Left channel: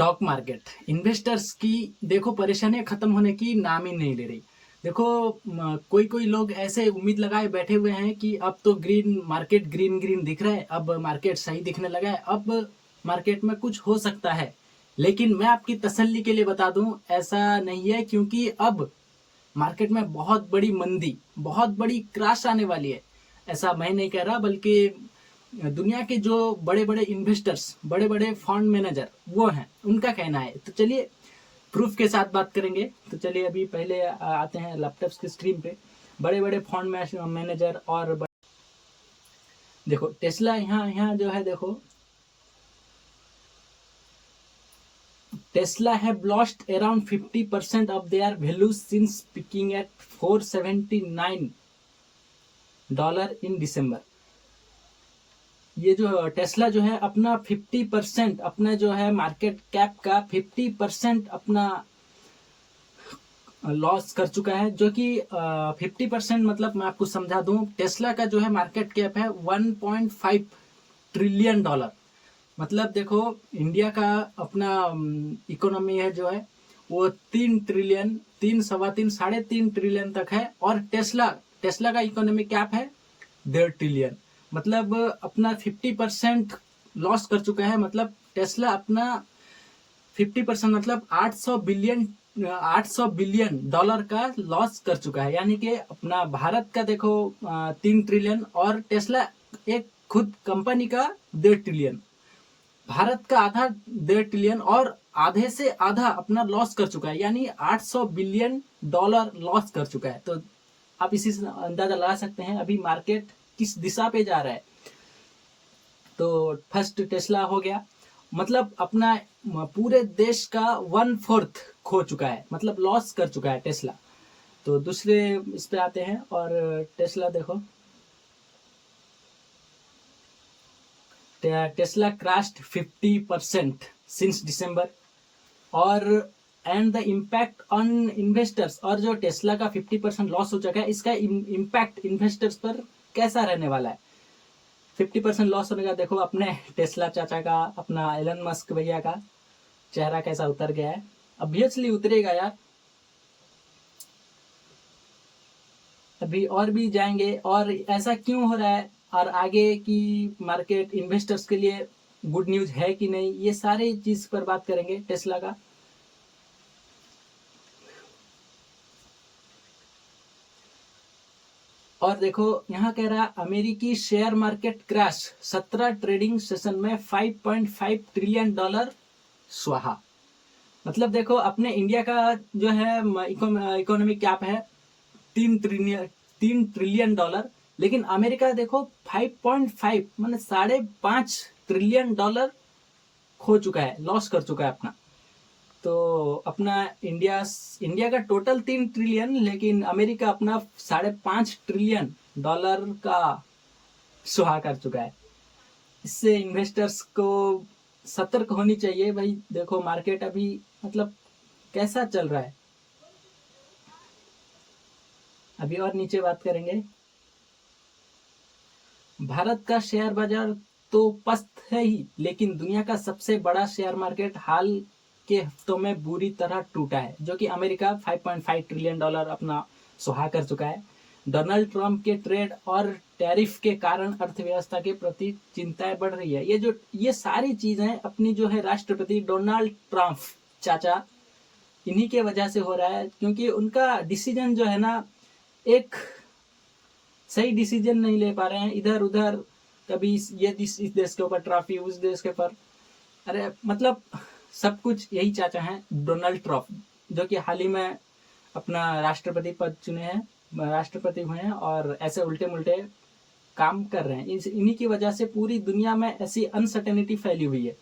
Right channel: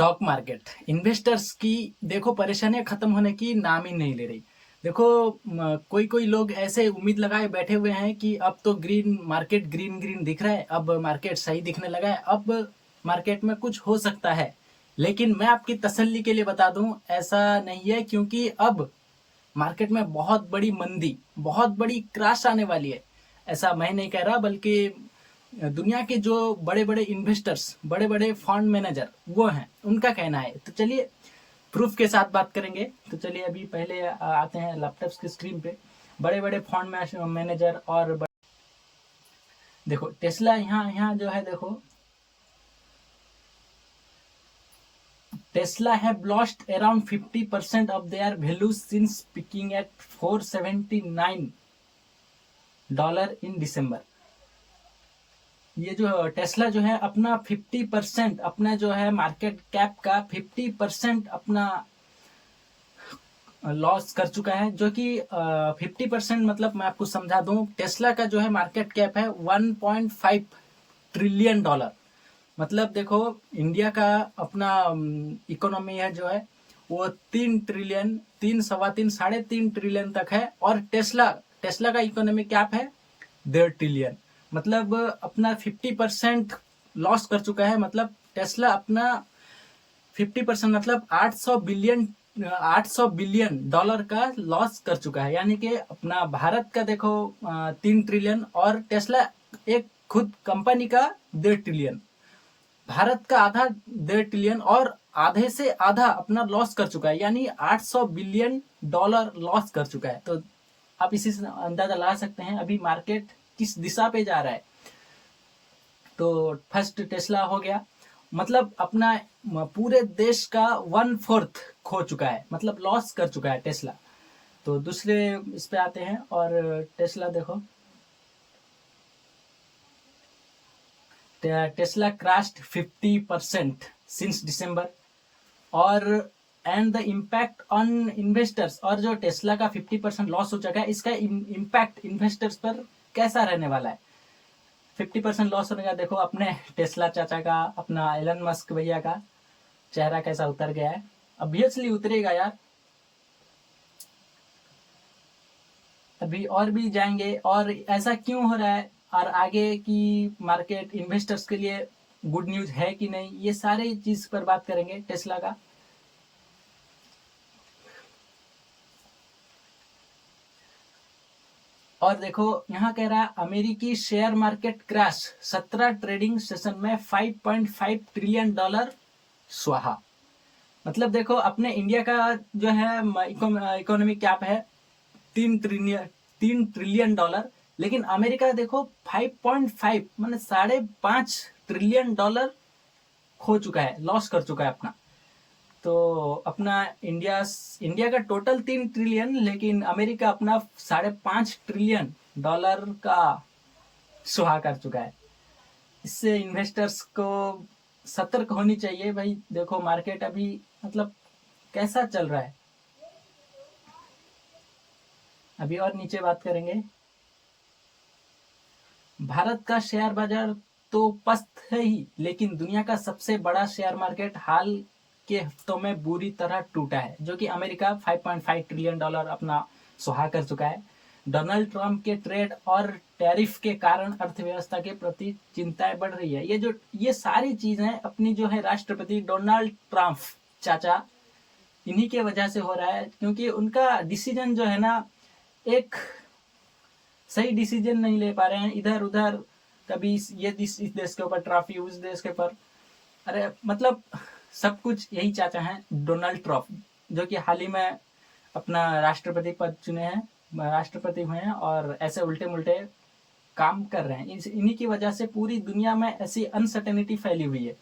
Stock market investors की देखो परेशानियां खत्म होने की नाम ही नहीं ले रही। देखो कोई कोई लोग ऐसे उम्मीद लगाए बैठे हुए हैं कि अब तो ग्रीन मार्केट ग्रीन ग्रीन दिख रहा है, अब मार्केट सही दिखने लगा है, अब मार्केट में कुछ हो सकता है। लेकिन मैं आपकी तसल्ली के लिए बता दूं, ऐसा नहीं है, क्योंकि अब मार्केट में बहुत बड़ी मंदी, बहुत बड़ी क्रैश आने वाली है। ऐसा मैं नहीं कह रहा, बल्कि दुनिया के जो बड़े बड़े इन्वेस्टर्स, बड़े बड़े फंड मैनेजर वो हैं, उनका कहना है। तो चलिए प्रूफ के साथ बात करेंगे। तो चलिए अभी पहले आते हैं लैपटॉप की स्क्रीन पे। बड़े बड़े फंड मैनेजर और देखो टेस्ला यहाँ यहाँ जो है, देखो Tesla have lost around 50% of their value since peaking at $479 in December. ये जो टेस्ला जो है अपना 50%, अपना जो है मार्केट कैप का 50% अपना लॉस कर चुका है। जो कि 50% मतलब मैं आपको समझा दूं, टेस्ला का जो है मार्केट कैप है $1.5 ट्रिलियन। मतलब देखो इंडिया का अपना इकोनॉमी है जो है वो 3 ट्रिलियन, 3, 3.25, $3.5 ट्रिलियन तक है। और टेस्ला टेस्ला का इकोनॉमी कैप है 1.5 ट्रिलियन। मतलब अपना 50% लॉस कर चुका है। मतलब टेस्ला अपना 50% मतलब 800 बिलियन डॉलर का लॉस कर चुका है। यानी कि अपना भारत का देखो 3 ट्रिलियन, और टेस्ला एक खुद कंपनी का 1.5 ट्रिलियन, भारत का आधा 1.5 ट्रिलियन, और आधे से आधा अपना लॉस कर चुका है। यानी $800 बिलियन लॉस कर चुका है। तो आप इसी से अंदाजा लगा सकते हैं अभी मार्केट किस दिशा पे जा रहा है। तो फर्स्ट टेस्ला हो गया, मतलब अपना पूरे देश का 1/4 खो चुका है, मतलब लॉस कर चुका है टेस्ला। तो दूसरे इस पे आते हैं, और टेस्ला देखो, टेस्ला क्रैश्ड 50% सिंस दिसंबर। और and the impact on investors, और जो टेस्ला का 50% लॉस हो चुका है, इसका इम्पैक्ट इन्वेस्टर्स पर कैसा रहने वाला है। 50% लॉस होने का देखो अपने टेस्ला चाचा का, अपना एलन मस्क भैया का चेहरा कैसा उतर गया है। ऑब्वियसली उतरेगा यार, अभी और भी जाएंगे। और ऐसा क्यों हो रहा है, और आगे की मार्केट इन्वेस्टर्स के लिए गुड न्यूज है कि नहीं, ये सारे चीज पर बात करेंगे टेस्ला का। और देखो यहाँ कह रहा है अमेरिकी share market crash, 17 trading session में $5.5 ट्रिलियन स्वाहा। मतलब देखो अपने इंडिया का जो है इकोनॉमी कैप है 3 ट्रिलियन डॉलर, लेकिन अमेरिका देखो 5.5 मतलब $5.5 ट्रिलियन खो चुका है, लॉस कर चुका है अपना। तो अपना इंडिया का टोटल 3 ट्रिलियन, लेकिन अमेरिका अपना $5.5 ट्रिलियन का सुहा कर चुका है। इससे इन्वेस्टर्स को सतर्क होनी चाहिए भाई। देखो मार्केट अभी मतलब कैसा चल रहा है। अभी और नीचे बात करेंगे। भारत का शेयर बाजार तो पस्त है ही, लेकिन दुनिया का सबसे बड़ा शेयर मार्केट हाल के हफ्तों में बुरी तरह टूटा है। जो कि अमेरिका $5.5 ट्रिलियन अपना सुहा कर चुका है। डोनाल्ड ट्रंप के ट्रेड और टैरिफ के कारण अर्थव्यवस्था के प्रति चिंताएं बढ़ रही है। ये सारी चीजें अपनी जो है राष्ट्रपति डोनाल्ड ट्रंप चाचा, इन्हीं के वजह से हो रहा है। क्योंकि उनका डिसीजन जो है ना, एक सही डिसीजन नहीं ले पा रहे हैं, इधर उधर, कभी ये इस देश के ऊपर ट्रॉफी, उस देश के ऊपर, अरे मतलब सब कुछ यही चाचा हैं डोनाल्ड ट्रंप, जो कि हाल ही में अपना राष्ट्रपति पद चुने हैं, राष्ट्रपति हुए हैं, और ऐसे उल्टे मुल्टे काम कर रहे हैं। इन्हीं की वजह से पूरी दुनिया में ऐसी अनसर्टेनिटी फैली हुई है।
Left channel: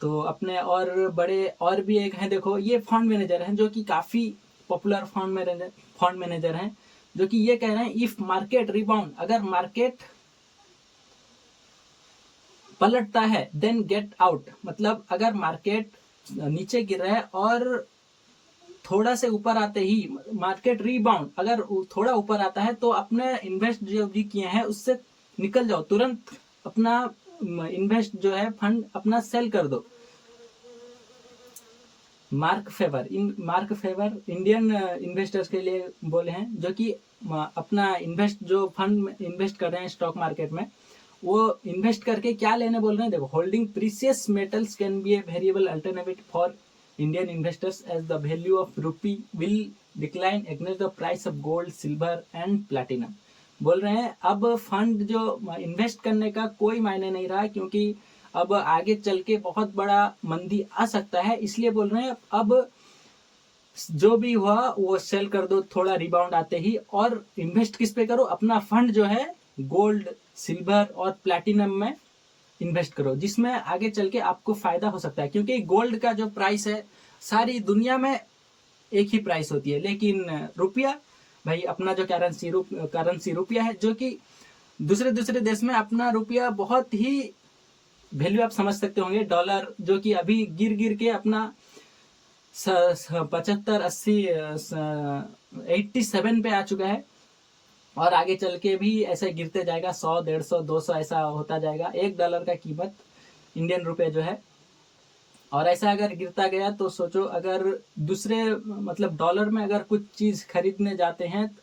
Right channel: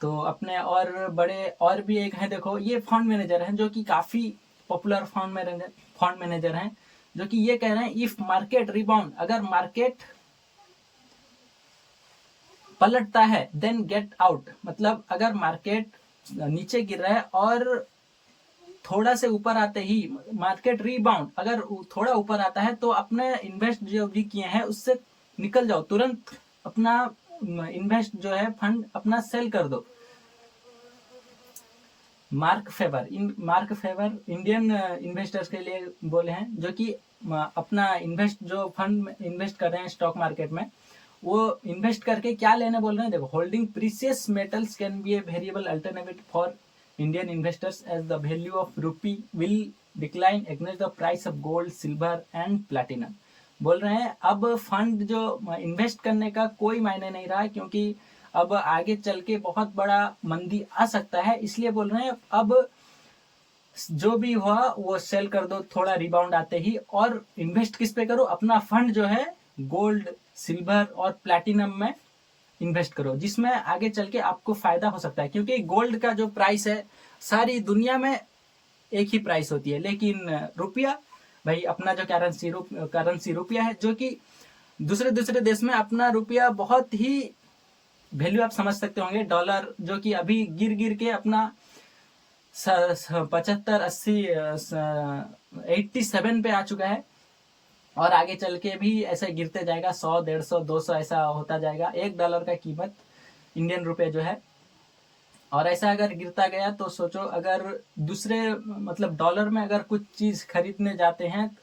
तो अपने और बड़े और भी एक हैं, देखो ये फंड मैनेजर हैं जो कि काफी पॉपुलर फंड मैनेजर हैं, जो कि ये कह रहे हैं इफ मार्केट रिबाउंड, अगर मार्केट पलटता है देन गेट आउट। मतलब अगर मार्केट नीचे गिर रहा है और थोड़ा से ऊपर आते ही मार्केट रीबाउंड, अगर थोड़ा ऊपर आता है तो अपने इन्वेस्ट जो भी किए हैं उससे निकल जाओ तुरंत, अपना इन्वेस्ट जो है फंड अपना सेल कर दो। मार्क फेवर इंडियन इन्वेस्टर्स के लिए बोले हैं, जो कि अपना इन्वेस्ट जो फंड में इन्वेस्ट कर रहे हैं स्टॉक मार्केट में, वो इन्वेस्ट करके क्या लेने बोल रहे हैं। देखो, holding precious metals can be a variable alternative for Indian investors as the value of rupee will decline against the price of gold, silver and platinum. बोल रहे हैं अब फंड जो इन्वेस्ट करने का कोई मायने नहीं रहा, क्योंकि अब आगे चल के बहुत बड़ा मंदी आ सकता है। इसलिए बोल रहे हैं अब जो भी हुआ वो सेल कर दो थोड़ा रिबाउंड आते ही, और इन्वेस्ट किस पे करो, अपना फंड जो है गोल्ड, सिल्वर और प्लैटिनम में इन्वेस्ट करो, जिसमें आगे चल के आपको फायदा हो सकता है। क्योंकि गोल्ड का जो प्राइस है सारी दुनिया में एक ही प्राइस होती है, लेकिन रुपया भाई अपना जो करेंसी रुपया है, जो कि दूसरे दूसरे देश में अपना रुपया बहुत ही वैल्यू आप समझ सकते होंगे। डॉलर जो कि अभी गिर गिर के अपना 75, 80, 87 पे आ चुका है, और आगे चल के भी ऐसे गिरते जाएगा। 100, 150, 200 ऐसा होता जाएगा $1 का कीमत इंडियन रुपए जो है। और ऐसा अगर गिरता गया तो सोचो, अगर दूसरे मतलब डॉलर में अगर कुछ चीज खरीदने जाते हैं,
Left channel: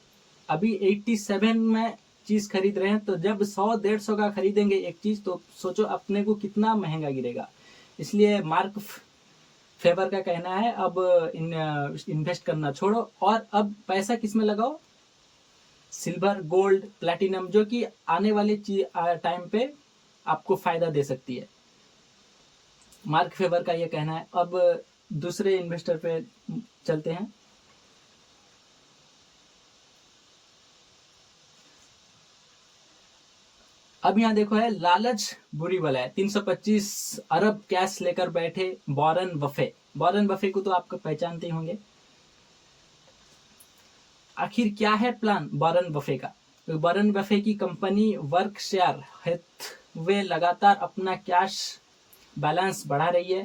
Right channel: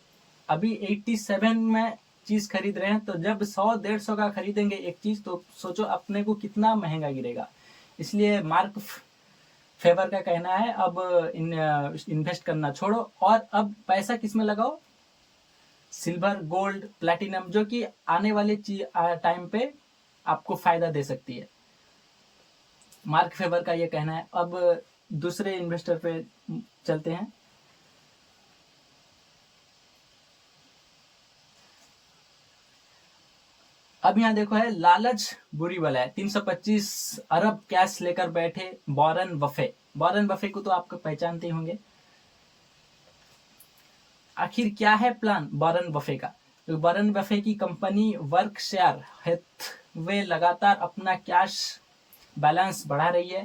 अभी 87 में चीज खरीद रहे हैं, तो जब 100, 150 का खरीदेंगे एक चीज, तो सोचो अपने को कितना महंगा गिरेगा। इसलिए मार्क फेवर का कहना है अब इन्वेस्ट करना छोड़ो, और अब पैसा किस में लगाओ, सिल्वर, गोल्ड, प्लैटिनम, जो कि आने वाले टाइम पे आपको फायदा दे सकती है। मार्क फेवर का ये कहना है। अब दूसरे इन्वेस्टर पे चलते हैं। अब यहाँ देखो है, लालच बुरी बला है। 325 अरब कैश लेकर बैठे वॉरेन बफे। वॉरेन बफे को तो आप पहचानते ही होंगे। आखिर क्या है प्लान वॉरेन बफे का। तो वॉरेन बफे की कंपनी वर्कशायर हैथवे लगातार अपना कैश बैलेंस बढ़ा रही है।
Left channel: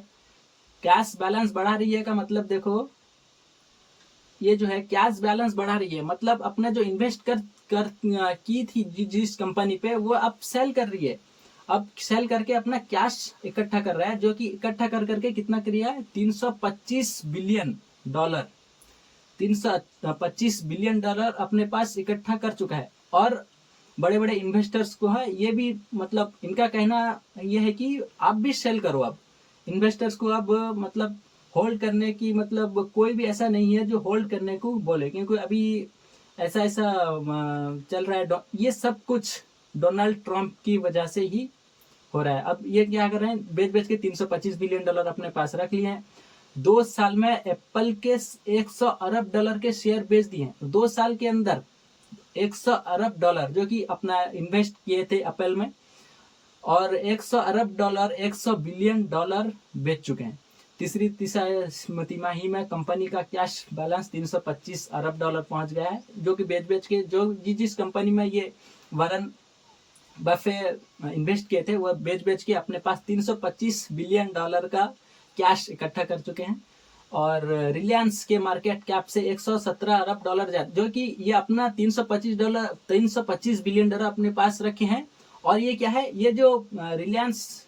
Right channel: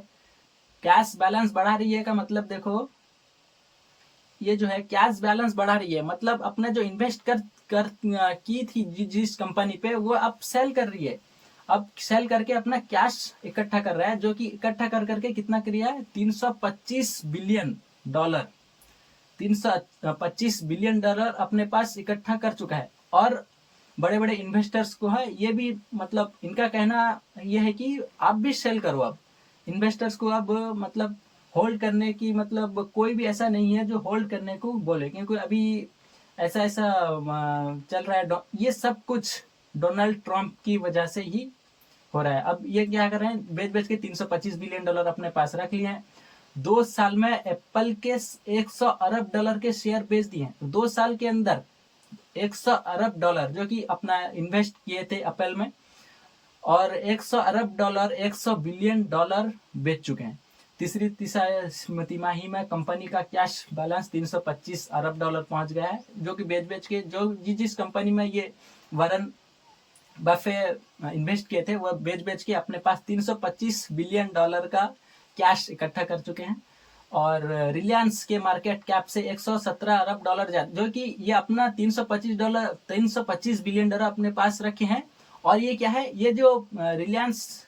कैश बैलेंस बढ़ा रही है का मतलब देखो, ये जो है कैश बैलेंस बढ़ा रही है, मतलब अपना जो इन्वेस्ट की थी जिस कंपनी पे, वो अब सेल कर रही है। अब सेल करके अपना कैश इकट्ठा कर रहा है, जो कि इकट्ठा कर करके कितना किया है, $325 बिलियन। 325 बिलियन डॉलर अपने पास इकट्ठा कर चुका है। और बड़े बड़े इन्वेस्टर्स को है ये भी, मतलब इनका कहना यह है कि आप भी सेल करो। अब इन्वेस्टर्स को अब मतलब होल्ड करने की, मतलब कोई भी ऐसा नहीं है जो होल्ड करने को बोले, क्योंकि अभी ऐसा ऐसा चल रहा है। ये सब कुछ डोनाल्ड ट्रंप की वजह से ही हो रहा है। अब ये क्या कर रहे हैं, बेच बेच के $325 बिलियन अपने पास रख लिए हैं। 2 साल में एप्पल के 100 अरब डॉलर के शेयर बेच दिए हैं। 2 साल के अंदर 100 अरब डॉलर जो कि अपना इन्वेस्ट किए थे एप्पल में, और 100 अरब डॉलर, 100 बिलियन डॉलर बेच चुके हैं। तीसरी तिमाही में कंपनी का कैश बैलेंस 325 अरब डॉलर पहुंच गया है, जो कि बेच बेच के जो जिस कंपनी में ये वॉरेन बफे इन्वेस्ट किए थे, वह बेच बेच के अपने पास 325 बिलियन डॉलर का कैश इकट्ठा कर चुके हैं। और रिलायंस के मार्केट कैप से 117 अरब डॉलर जो कि ये अपना 325 बिलियन डॉलर अपने पास रखे हैं। और ये क्या है, ये जो रिलायंस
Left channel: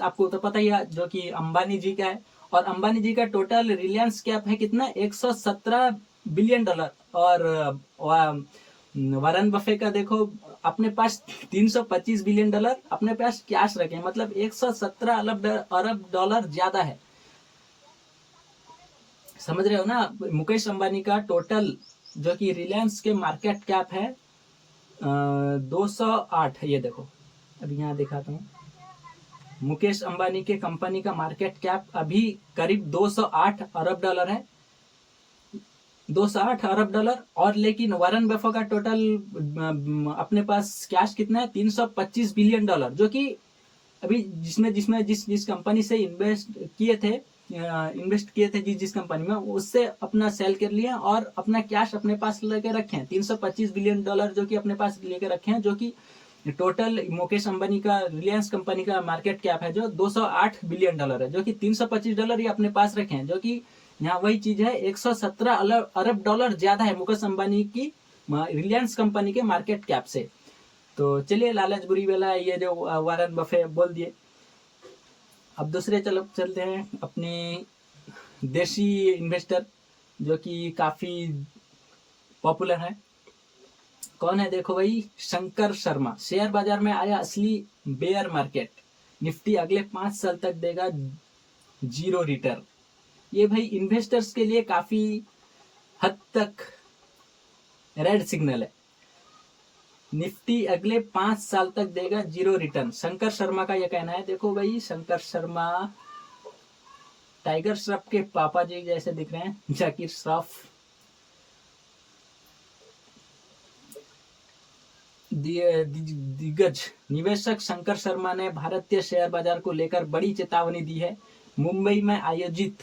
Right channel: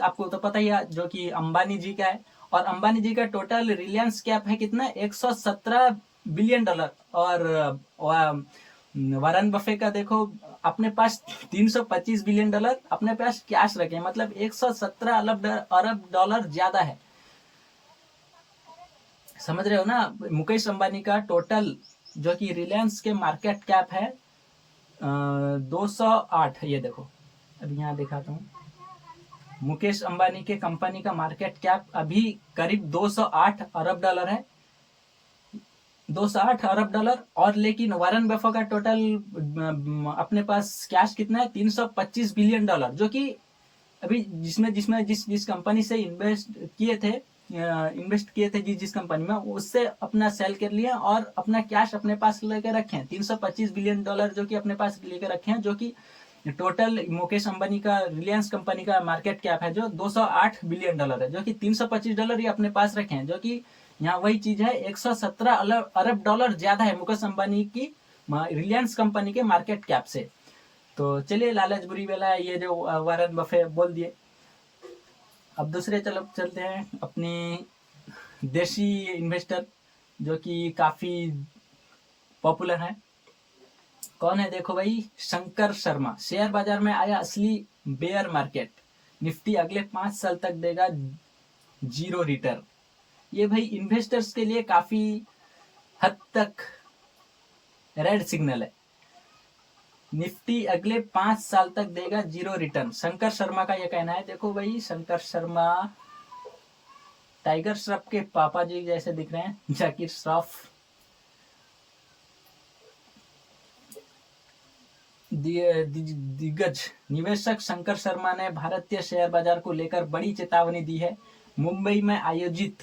आपको तो पता ही है, जो कि अंबानी जी का है। और अंबानी जी का टोटल रिलायंस कैप है कितना, 117 बिलियन डॉलर। और वॉरेन बफे का देखो अपने पास 325 बिलियन डॉलर अपने पास कैश रखे हैं, मतलब 117 अरब डॉलर ज्यादा है। समझ रहे हो ना। मुकेश अंबानी का टोटल जो कि रिलायंस के मार्केट कैप है 208। ये देखो अभी यहाँ दिखाता हूँ। मुकेश अंबानी के कंपनी का मार्केट कैप अभी करीब 208 अरब डॉलर है, 208 अरब डॉलर। और लेकिन वॉरेन बफे का टोटल अपने पास कैश कितना है, 325 बिलियन डॉलर, जो कि अभी जिसमें जिस कंपनी से इन्वेस्ट किए थे जिस कंपनी में, उससे अपना सेल कर लिया और अपना कैश अपने पास लेके रखे हैं। 325 बिलियन डॉलर जो कि अपने पास लेके रखे हैं, जो कि टोटल मुकेश अंबानी का रिलायंस कंपनी का मार्केट कैप है जो 208 बिलियन डॉलर है, जो कि 325 डॉलर ही अपने पास रखे हैं, जो कि यहाँ वही चीज है, 117 अरब डॉलर ज्यादा है मुकेश अंबानी की रिलायंस कंपनी के मार्केट कैप से। तो चलिए, लालच बुरी बला है, ये जो वॉरेन बफे बोल दिए। अब दूसरे चलते हैं अपने देशी इन्वेस्टर जो कि काफ़ी पॉपुलर है। कौन है देखो भाई, शंकर शर्मा। शेयर बाजार में आया असली बेयर मार्केट, निफ्टी अगले 5 साल तक देगा 0 रिटर्न। ये भाई इन्वेस्टर्स के लिए काफ़ी हद तक रेड सिग्नल है। निफ्टी अगले 5 साल तक देगा 0 रिटर्न, शंकर शर्मा का यह कहना है। देखो भाई शंकर शर्मा टाइगर श्रॉफ के पापा जी जैसे दिख रहे हैं, जाकिर श्रॉफ। दिग्गज निवेशक शंकर शर्मा ने भारतीय शेयर बाजार को लेकर बड़ी चेतावनी दी है। मुंबई में आयोजित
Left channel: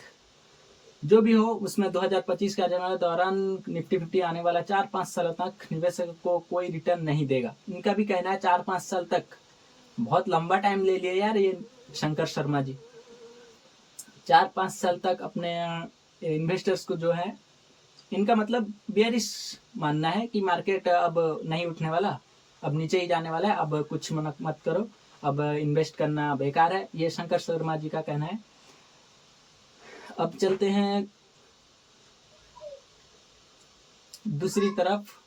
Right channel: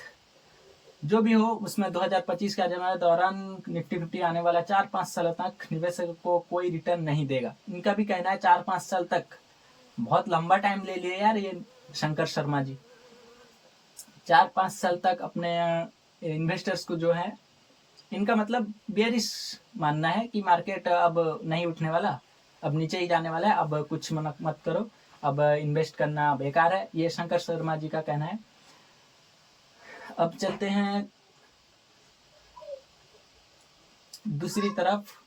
जो भी हो उसमें 2025 के आजमाने दौरान निफ्टी 50 आने वाला 4-5 साल तक निवेशक को कोई रिटर्न नहीं देगा। इनका भी कहना है 4-5 साल तक, बहुत लंबा टाइम ले लिया यार ये शंकर शर्मा जी। 4-5 साल तक अपने इन्वेस्टर्स को जो है, इनका मतलब बेयरिश मानना है कि मार्केट अब नहीं उठने वाला, अब नीचे ही जाने वाला है, अब कुछ मत करो, अब इन्वेस्ट करना बेकार है, ये शंकर शर्मा जी का कहना है। अब चलते हैं दूसरी तरफ।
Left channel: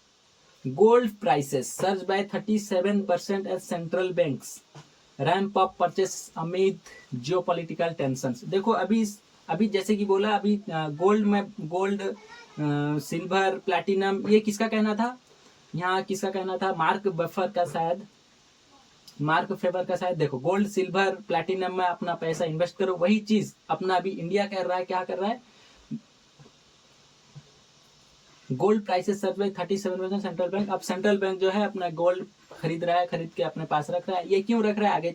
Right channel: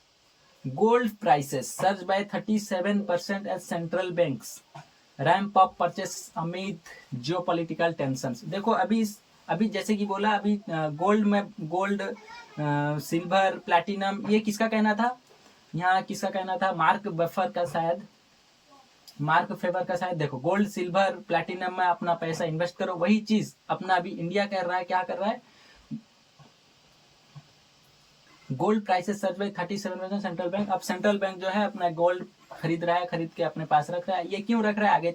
Gold prices surge by 37% as central banks ramp up purchase amid geopolitical tensions. देखो अभी जैसे कि बोला, अभी गोल्ड सिल्वर प्लैटिनम, ये किसका कहना था, यहाँ किसका कहना था, मार्क फेबर का शायद। देखो गोल्ड सिल्वर प्लैटिनम में अपना पैसा इन्वेस्ट करो, वही चीज अपना अभी इंडिया कर रहा है। क्या कर रहा है, gold prices search by 37% central bank. अब सेंट्रल बैंक जो है अपना गोल्ड खरीद रहा है, खरीद के अपने पास रख रहा है। ये क्यों रख रहा है, आगे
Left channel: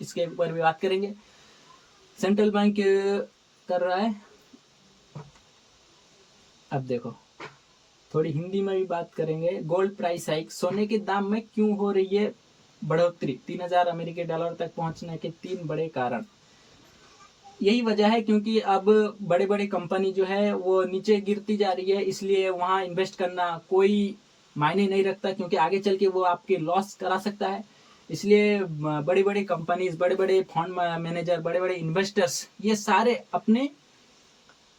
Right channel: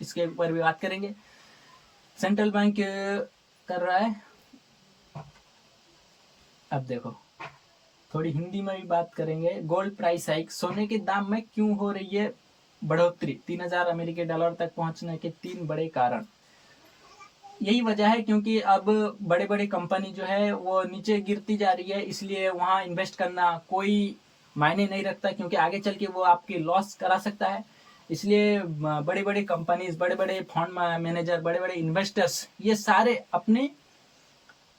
इसके ऊपर भी बात करेंगे। सेंट्रल बैंक कर रहा है। अब देखो थोड़ी हिंदी में भी बात करेंगे। गोल्ड प्राइस हाइक, सोने के दाम में क्यों हो रही है बढ़ोतरी, 3000 अमेरिकी डॉलर तक पहुंचने के 3 बड़े कारण। यही वजह है क्योंकि अब बड़े बड़े कंपनी जो है वो नीचे गिरती जा रही है, इसलिए वहां इन्वेस्ट करना कोई मायने नहीं रखता, क्योंकि आगे चल के वो आपके लॉस करा सकता है। इसलिए बड़े बड़े कंपनीज, बड़े बड़े फंड मैनेजर, बड़े बड़े इन्वेस्टर्स, ये सारे अपने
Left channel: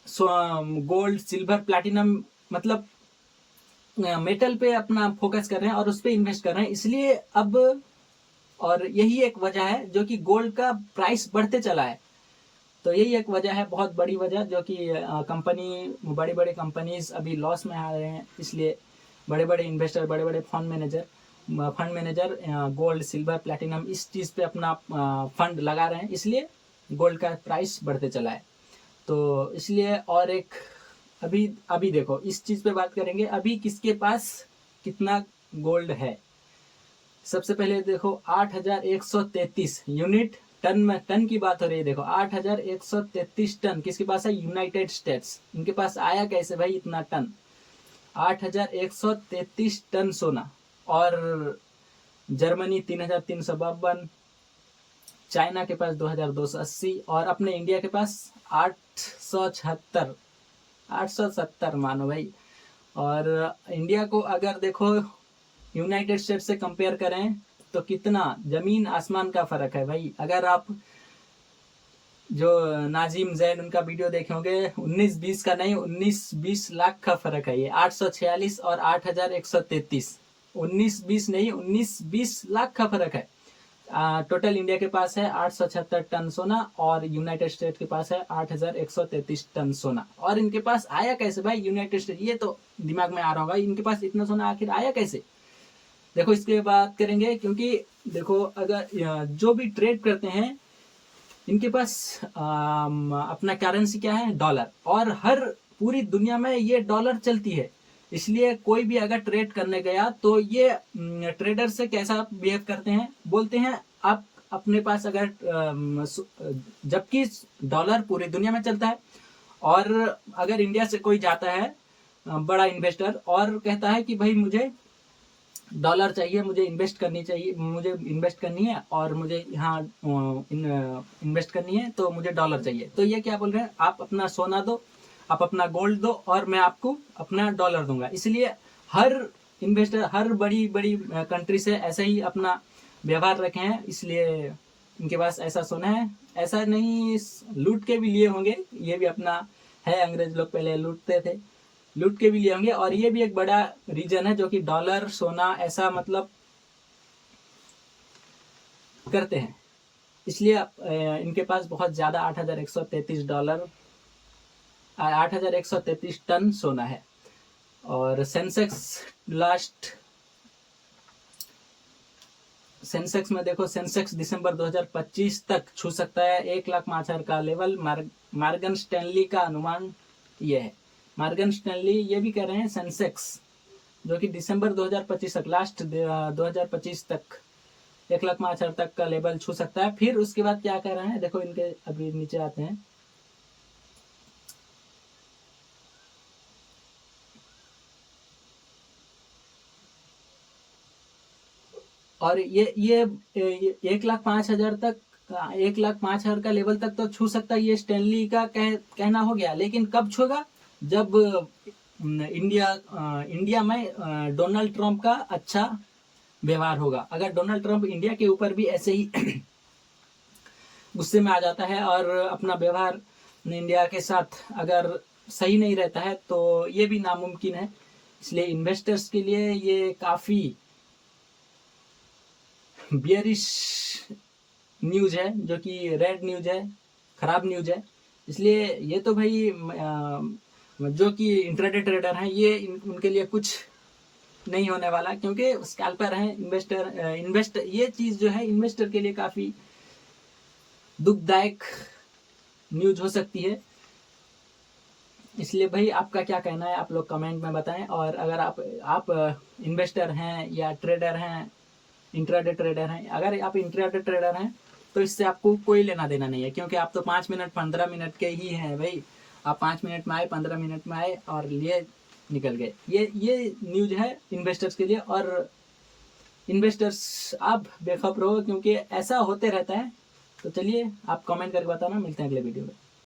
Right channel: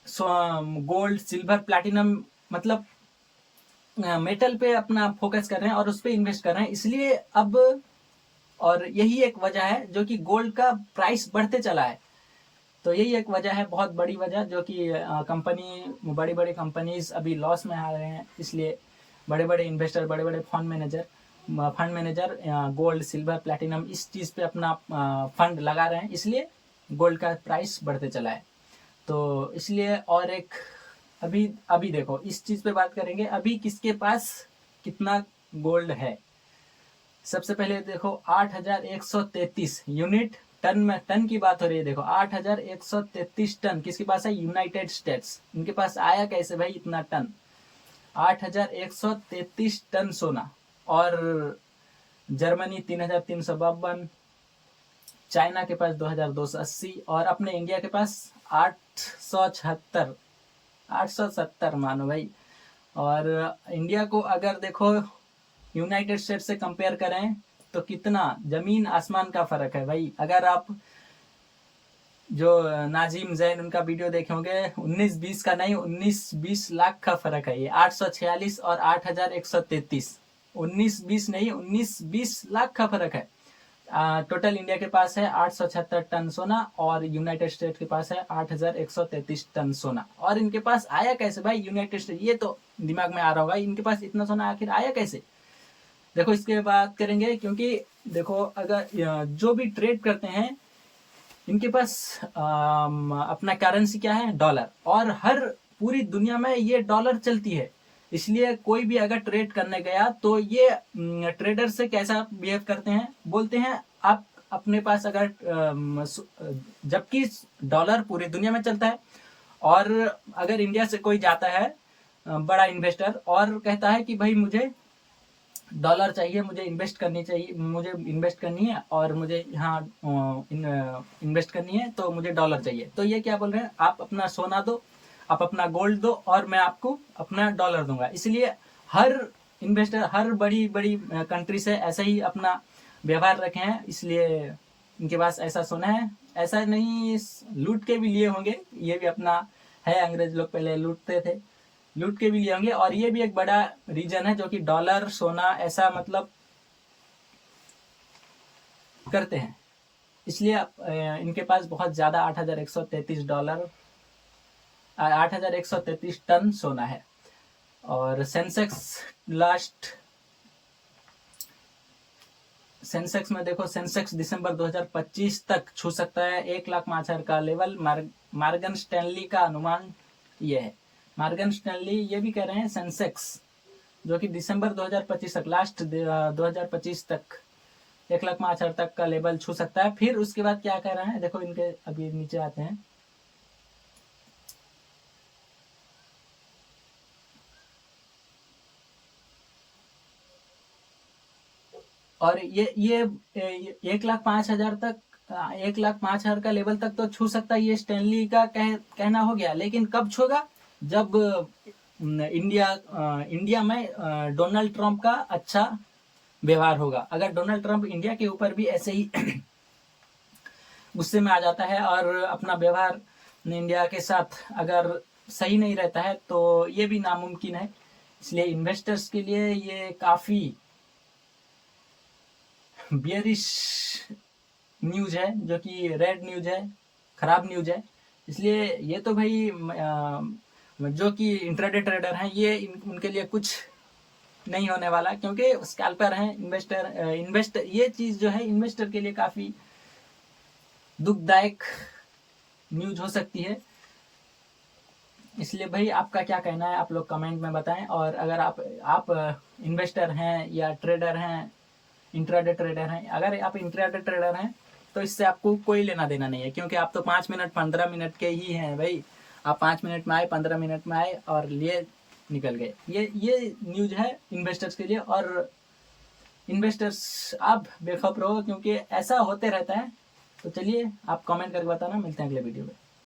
गोल्ड सिल्वर प्लैटिनम मतलब मेटल पे अपना फोकस कर रहे हैं और उस पर इन्वेस्ट कर रहे हैं। इसलिए अब, और यही एक वजह है जो कि गोल्ड का प्राइस बढ़ते चला है। तो यही एक वजह है, बहुत बड़ी वजह, जो कि बड़ी बड़ी कंपनीज अभी लॉस में आ रहे हैं। इसलिए बड़े बड़े इन्वेस्टर, बड़े बड़े fund manager gold silver platinum इस चीज़ पे अपना फंड लगा रहे हैं, इसलिए गोल्ड का प्राइस बढ़ते चला है। तो इसलिए, और एक अभी देखो इस चीज़ पे बात करेंगे, अभी किसके पास कितना गोल्ड है। सबसे पहले देखो 8133 यूनिट, टन में, टन की बात हो रही है। देखो 8133 टन किसके पास है, यूनाइटेड स्टेट्स। इनके पास आया कैसे भाई इतना टन, 8133 टन सोना। और जर्मनी 3352, चाइना के पास 2280, और अपने इंडिया के पास 870 मानो भाई। और इंडिया को अगर देखो यूनाइटेड स्टेट्स से कंपेयर करें तो कितना जमीन आसमान का फर्क है भाई। अगर आप जो नाजिम जैन उनका वीडियो देखे होंगे, 19-20 का नहीं, 19-20 लाख का फर्क है ये। 846 और 8133, 19-20 नहीं, 19-20 लाख का फर्क है। टोटल इंडिया के पास है 876 टन सोना और यूनाइटेड स्टेट के पास है 8133 टन सोना। और इनके पास आया कैसे भाई यूनाइटेड स्टेट, ये तो दिमाग में आ रहा होगा, इनके पास इतना सोना आखिर आया कैसे। देखो इसके बात करेंगे, क्योंकि देखो अगर जो भी ट्रेड करते हैं इनके पास अपना करेंसी क्या है, डॉलर, और हर पूरी दुनिया में ये डॉलर चलती है। इसलिए कोई भी अगर ट्रेड करने गया तो ये ट्रेडर से कैसा बिहेव करते हैं, बोलते हैं आप अपने पास अगर जबकि डॉलर पूरी दुनिया में चलता है, और अगर इंडिया से कोई जाता है बड़ा इन्वेस्टर और कहता है कि भाई मुझे डॉलर चाहिए, मुझे इन्वेस्ट करनी है और मुझे यहाँ इन्वेस्ट करनी है, तो मुझे डॉलर चाहिए। तो ये क्या बोल रहे हैं, आप अपना सोना दो, आप अपना गोल्ड दो और मैं आपको अपना डॉलर दूंगा। इसलिए हर इन्वेस्टर, हर बड़ी बड़ी कंट्री से ऐसा ही अपना व्यवहार रखे हैं, इसलिए इनके पास ऐसा सोना है। ऐसा नहीं लूट के भी लिए होंगे, ये भी अपना है, अंग्रेज लोग पहले लूटते थे, लूट के भी लिए होंगे। और ये भी एक बड़ा रीजन है जो कि डॉलर सोना ऐसा मतलब करते हैं, इसलिए इनके पास बहुत ज़्यादा $8,133 $8,133 टन सोना है। और सेंसेक्स में देखो, सेंसेक्स दिसंबर 2025 तक छू सकता है 1,05,000 का लेवल। मॉर्गन स्टैनली का अनुमान ये है। मॉर्गन स्टैनली ये भी कह रहे हैं सेंसेक्स जो कि दिसंबर 2025 तक, लास्ट 2025 तक 1,05,000 तक का लेवल छू सकता है। फिर उसके बाद क्या कह रहे हैं, देखो इनके अभी नीचे आते हैं। और ये 1,05,000 तक, 1,05,000 का लेवल तक तो छू सकता है, ये स्टैनली का कहना हो गया। लेकिन कब छूगा, जब इंडिया में डोनाल्ड ट्रंप का अच्छा व्यवहार होगा। अगर डोनाल्ड ट्रंप इंडिया के ऊपर भी ऐसे ही गुस्से में आ जाता है और अपना व्यवहार इंडिया के साथ अगर सही नहीं रहता है तो ये भी नामुमकिन है। इसलिए इन्वेस्टर्स के लिए ये काफ़ी बियरिश न्यूज़ है, जो कि रेड न्यूज़ है, ख़राब न्यूज़ है। इसलिए ये तो भाई जो कि इंट्राडे ट्रेडर हैं ये उनके लिए कुछ नहीं होने वाला, क्योंकि स्कैल्पर हैं। इन्वेस्टर ये चीज़ जो है इन्वेस्टर के लिए काफ़ी दुखदायक न्यूज़ हो सकती है। इसलिए भाई आपका क्या कहना है, आप लोग कमेंट में बताएं। और अगर आप इन्वेस्टर हैं या ट्रेडर हैं, इंट्राडे ट्रेडर हैं, अगर आप इंट्राडे ट्रेडर हैं तो इससे आपको कोई लेना देना नहीं है, क्योंकि आप तो 5 मिनट 15 मिनट के ही हैं भाई। आप 5 मिनट में आए, 15 मिनट में आए और लिए निकल गए। ये न्यूज़ है इन्वेस्टर्स के लिए। और इन्वेस्टर्स आप बेखौफ रहो, क्योंकि ऐसा होते रहता है। तो चलिए आप कमेंट करके बताना, मिलते हैं अगले वीडियो में।